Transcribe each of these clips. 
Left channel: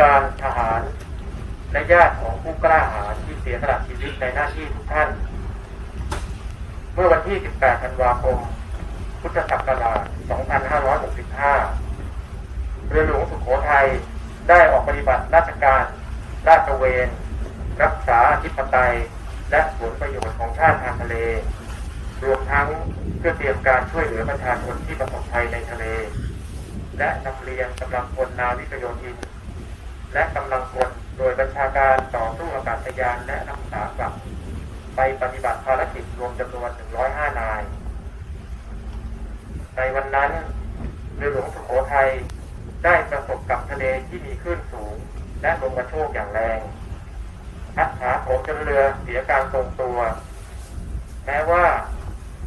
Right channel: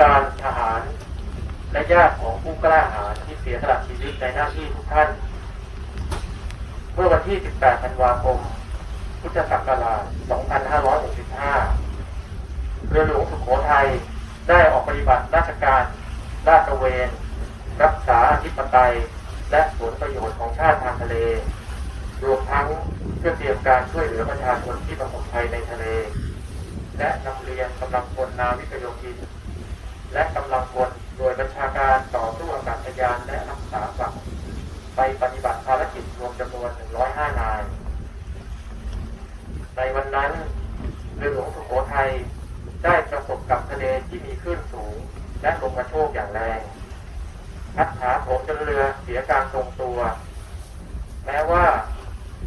การทหาร และญาติของผู้กล้าหาญที่เสียสละชีวิตในหน้าที่ทุกท่าน เมื่อวันที่ 18 ธันวาคม พุทธศักราช 2565 เรือหลวงสุโขทัยได้ออกปฏิบัติราชการลาดตระเวน รักษาอธิปไตย และผลประโยชน์ของชาติทางทะเล รวมทั้งเพื่อเตรียมการช่วยเหลือประชาชนที่ประสบภัยในทะเล และนำเรียนกำลังพลนาวิกโยธิน และกำลังพลโดยบัญชาการต่อสู้อากาศยานและรักษาฝั่งไปปฏิบัติภารกิจรวมจำนวน 105 นาย ในวันนั้นเรือหลวงสุโขทัยได้ประสบกับทะเลที่มีคลื่นสูง และลมกระโชกอย่างแรงพัดผาโถมจนเรือเสียการทรงตัว แม้ว่า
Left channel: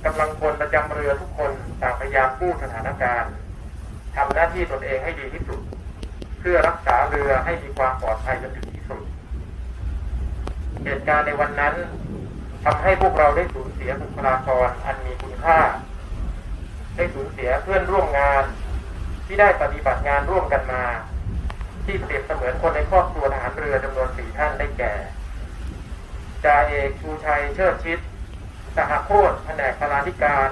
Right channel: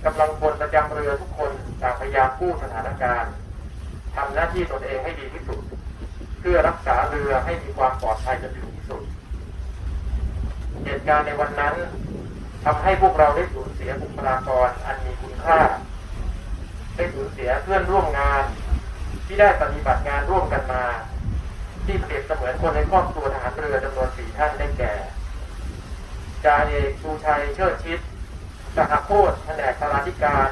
กำลังพลประจำเรือทุกคนต่างพยายามกู้สถานการณ์ทำหน้าที่ตนเองให้ดีที่สุด เพื่อรักษาเรือให้มีความปลอดภัยจนถึงที่สุด เหตุการณ์ในวันนั้นทำให้พวกเราได้สูญเสียบุคลากรอันมีคุณค่า ได้สูญเสียเพื่อนร่วมงาน ที่ได้ปฏิบัติงานร่วมกันมา ที่เปรียบเสมือนคนในครอบครัวทหารเรือจำนวนสี่ท่านได้แก่จ่าเอกชูชัยเชิดชิดสหโคตแผนกพลาธิการ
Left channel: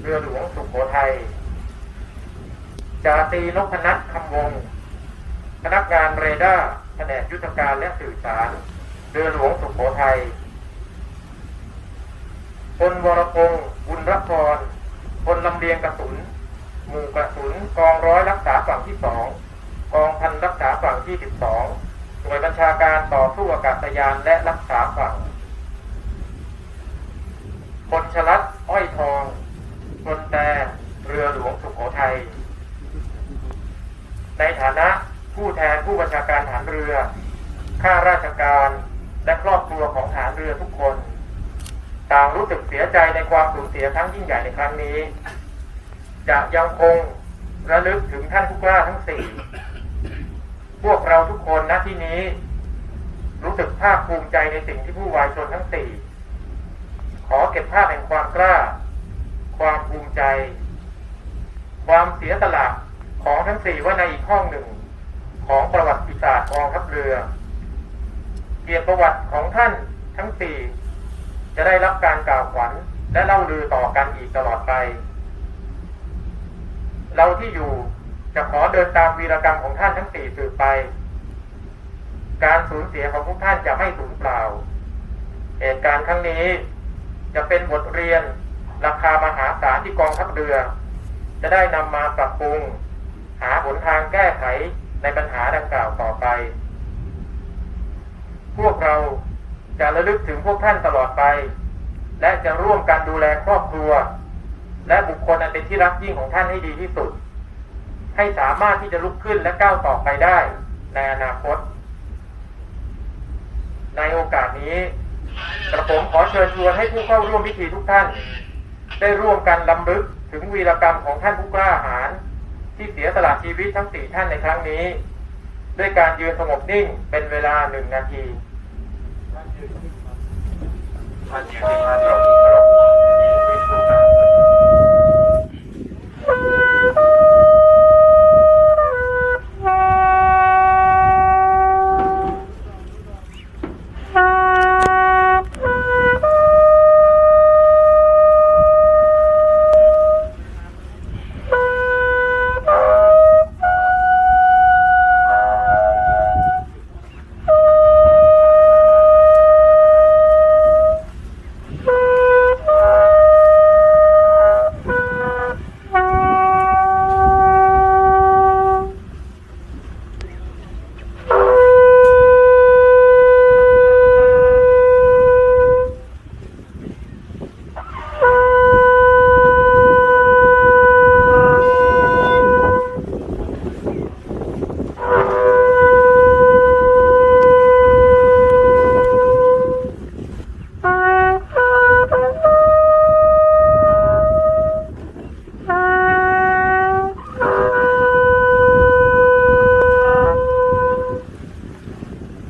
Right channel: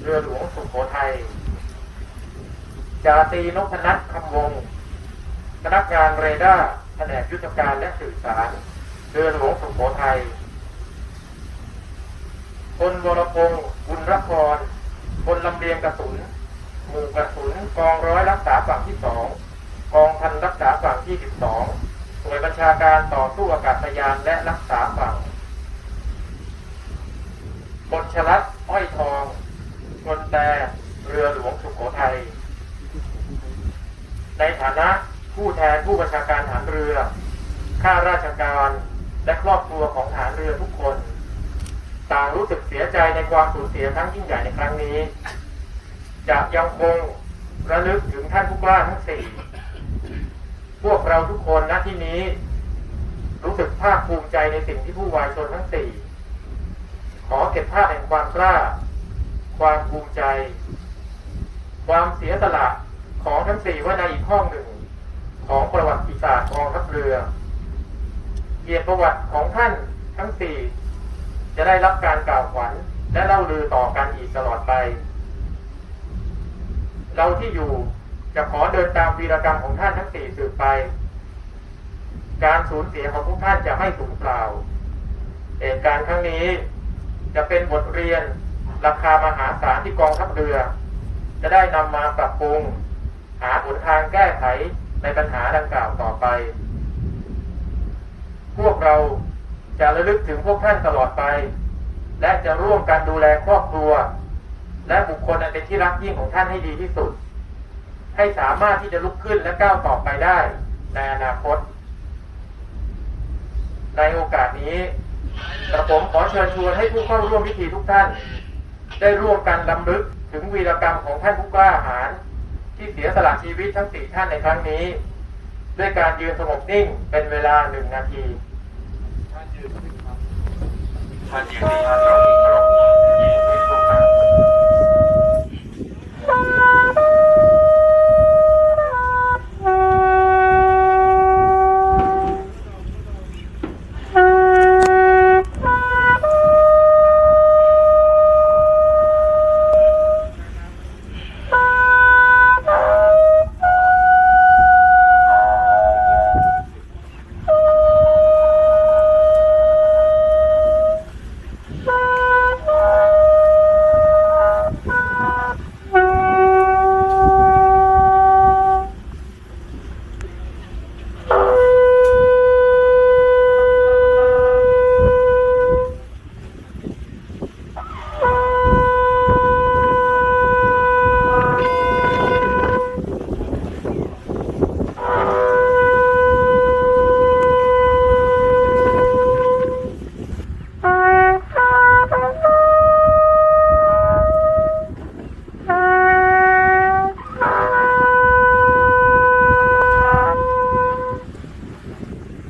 เรือหลวงสุโขทัยจ่าตีนพนัทคำวงศ์ พนักงานเรดาร์แผนกยุทธการและสื่อสาร เรือหลวงสุโขทัยพลวรพงศ์บุญรพรพลลำเลียงกระสุน หมู่กระสุนกองร้อยรักษาฝั่งที่สองกองพันรักษาฝั่งที่สิบสองหน่วยบัญชาการต่อสู้อากาศยานและรักษาฝั่งพลชลัดอ้อยทองพลแต่เรือหลวงสุโขทัยในฐานะ ผู้แทนผู้บัญชาการฐานเรือ ข้าราชการและครอบครัวของฐานเรือทุกคน ต่างรู้สึกเสียใจในความสูญเสียครั้งยิ่งใหญ่ในครั้งนี้ จะยังคงระลึกถึงท่านผู้กล้าทั้งสี่พวกเราทุกคนณที่นี้ รู้สึกภาคภูมิใจในสิ่งที่ผู้วายชนทั้งสี่ขอเก็บภาพแห่งความกล้า ความภูมิใจ ความเสียสละของทั้งสี่ว่าในอีกห้องหนึ่ง ของประวัติศาสตร์กองทัพเรือ เกียรติประวัติของท่านทั้งสี่จะได้รับการกล่าวขวัญและเล่าลือต่อกันอีกตลอดไป เราที่อยู่จะขอเดินตามวีรกรรมของท่านทั้งสี่สืบไป การสูญเสียของทุกท่านจะไม่สูญเปล่า เหตุการณ์ครั้งนี้จะเป็นบทเรียนราคามหาศาลที่กองทัพเรือ จะได้นำมาปรับปรุง หาหนทางแก้ไข ในปัญหาดังกล่าวต่อไป พวกเราจะระลึกถึงพวกท่านตลอดไป และจะร่วมกันดูแลครอบครัว และบุคคลอันเป็นที่รักยิ่งของท่านให้ดีที่สุด ให้สามารถที่จะลุกขึ้นและก้าวต่อไปได้ในอนาคต ในโอกาสนี้กระผมขอเชิญชวนให้ผู้เข้าร่วมพิธีทุกท่าน ได้ร่วมกันลำลึกถึงวีรกรรมของท่านผู้กล้าหาญ ที่เสียสละชีวิตทั้งสี่ท่านในครั้งนี้ ด้วยการยืนสงบนิ่งเป็นเวลาหนึ่งนาที